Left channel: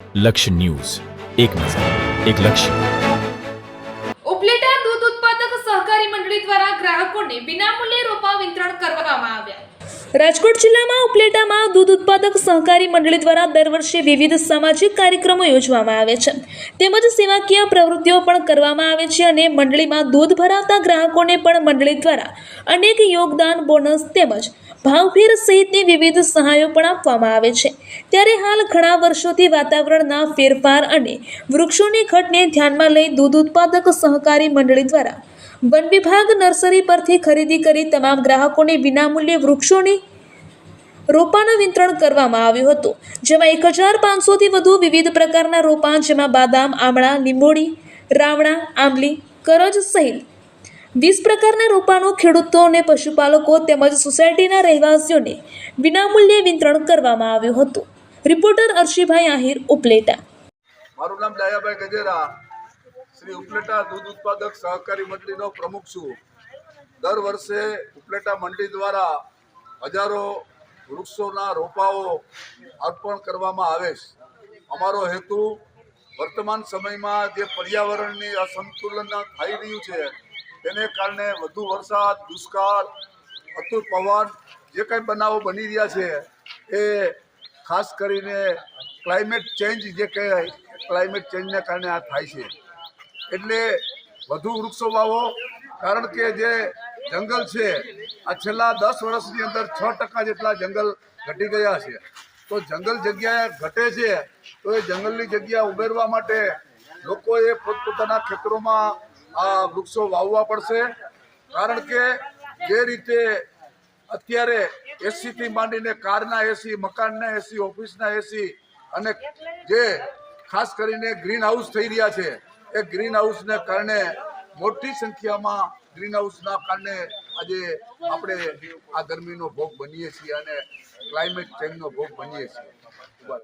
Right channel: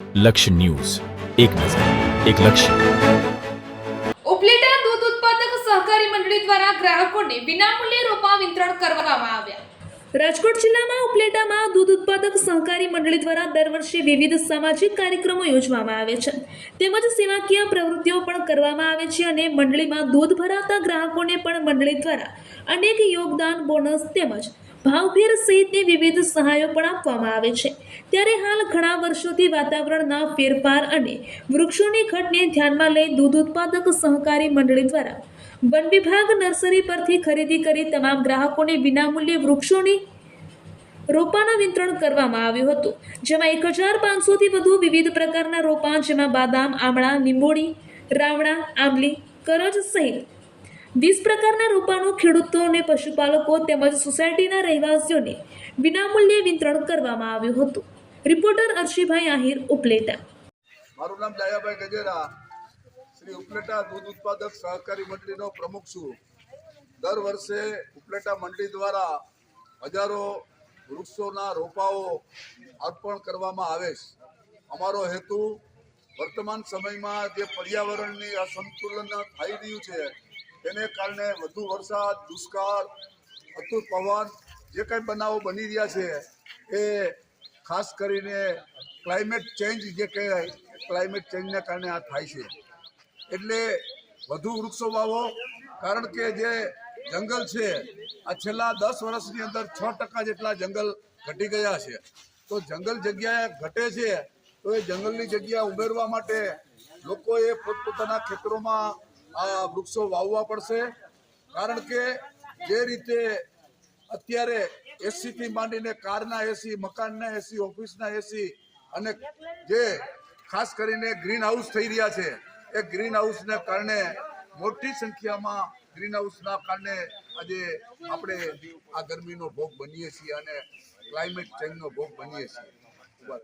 લક્ષ્ય ન્યૂઝ, એક નજર, એક લક્ષ્ય. ઉપલેટા દૂધ ઉત્પાદક સહકારી મંડળી દ્વારા ગ્રાહકોને વિનામૂલ્યે રોપા વિતરણ કરવામાં આવ્યા. રાજકોટ જિલ્લામાં ઉપલેટામાં દૂધ ઉત્પાદક સહકારી મંડળી દ્વારા દર વર્ષે વિવિધ સામાજિક કાર્યક્રમો યોજવામાં આવે છે તેમજ સેવાકીય પ્રવૃત્તિઓ પણ કરવામાં આવે છે અને મંડળીમાં દૂધ ભરાવતા ગ્રાહકોને પણ મંડળી દ્વારા અનેક યોગદાન, બોનસ તેમજ ભાવફેર સહિતની વિવિધ સહાયો પણ આપવામાં આવે છે. ત્યારે હાલ ઘણા વર્ષોથી વાતાવરણના ફેરફાર અને વૃક્ષોની ઘટને ધ્યાનમાં લઈ દૂધ ઉત્પાદક સહકારી મંડળી દ્વારા વન વિભાગ નર્સરી પરથી ખરીદી કરી તમામ ગ્રાહકોને વિનામૂલ્યે વૃક્ષોની રોપાનું વિતરણ કરવામાં આવ્યું હતું, જેમાં 1500થી વધુ વિવિધ પ્રકારના રોપા જેમાં બાદામ, આમળા, લીંબોળી, રાવણા, આંબલી, કરજ સહિત 20 પ્રકારના રોપાનું ખેડૂતો અને પશુપાલકો તેમજ સોસાયટીના રહેવાસીઓને વિનામૂલ્યે વિતરણ કરવામાં આવ્યું હતું. રિપોર્ટર અર્શીભાઈ આહિર, ઉપલેટા. મારું નામ દયાભાઈ ગજેરા, શ્રી ઉપલેટા દૂધ ઉત્પાદક સહકારી મંડળીનો પ્રમુખ છું. દર વર્ષે ઉપલેટા મંડળી દ્વારા હજારો વૃક્ષોના રોપાઓ અર્પણ કરવામાં આવે છે. અમારો હેતુ વર્તમાન સમયમાં જે પર્યાવરણની અસંતુલન થઈ રહ્યું છે તેને કારણે વધુ વરસાદ, દુષ્કાળ, અતુલ પવન જે કંઈ બનાવો બની રહ્યા છે એ ખાસ કરીને ક્લાઇમેટ ચેન્જ જે કહેવાય, ક્લાઇમેટ ચેન્જને કારણે આ થાય છે. એટલે વધુ વૃક્ષો વાવો, કારણ કે જે જંગલ છે આ છેલ્લા 10 વર્ષની અંદર 6% જેટલા જંગલ ઘટી ગયા છે. તો જંગલ જગ્યાએ ઘટે છે તો એ જંગલની જગ્યા ઉમેરવા માટે લોકોએ પોતપોતાના ખેતરોમાં આ વૃક્ષો વાવવા પડશે. કારણ કે જે રીતે અત્યારે એસીથી માંડીને કારના એસી, મકાનના એસી, ઓફિસના એસી અને જે ખાસ કરીને ગ્રીન હાઉસ થઈ રહ્યા છે એ ગ્રીન હાઉસને કારણે મોટી સંખ્યામાં ગ્રીન હાઉસના કારણે આજે આપણે આ ગરમીનો ભોગ બનીએ છીએ અને ક્લાઇમેટ ચેન્જનો ભોગ બનીએ છીએ.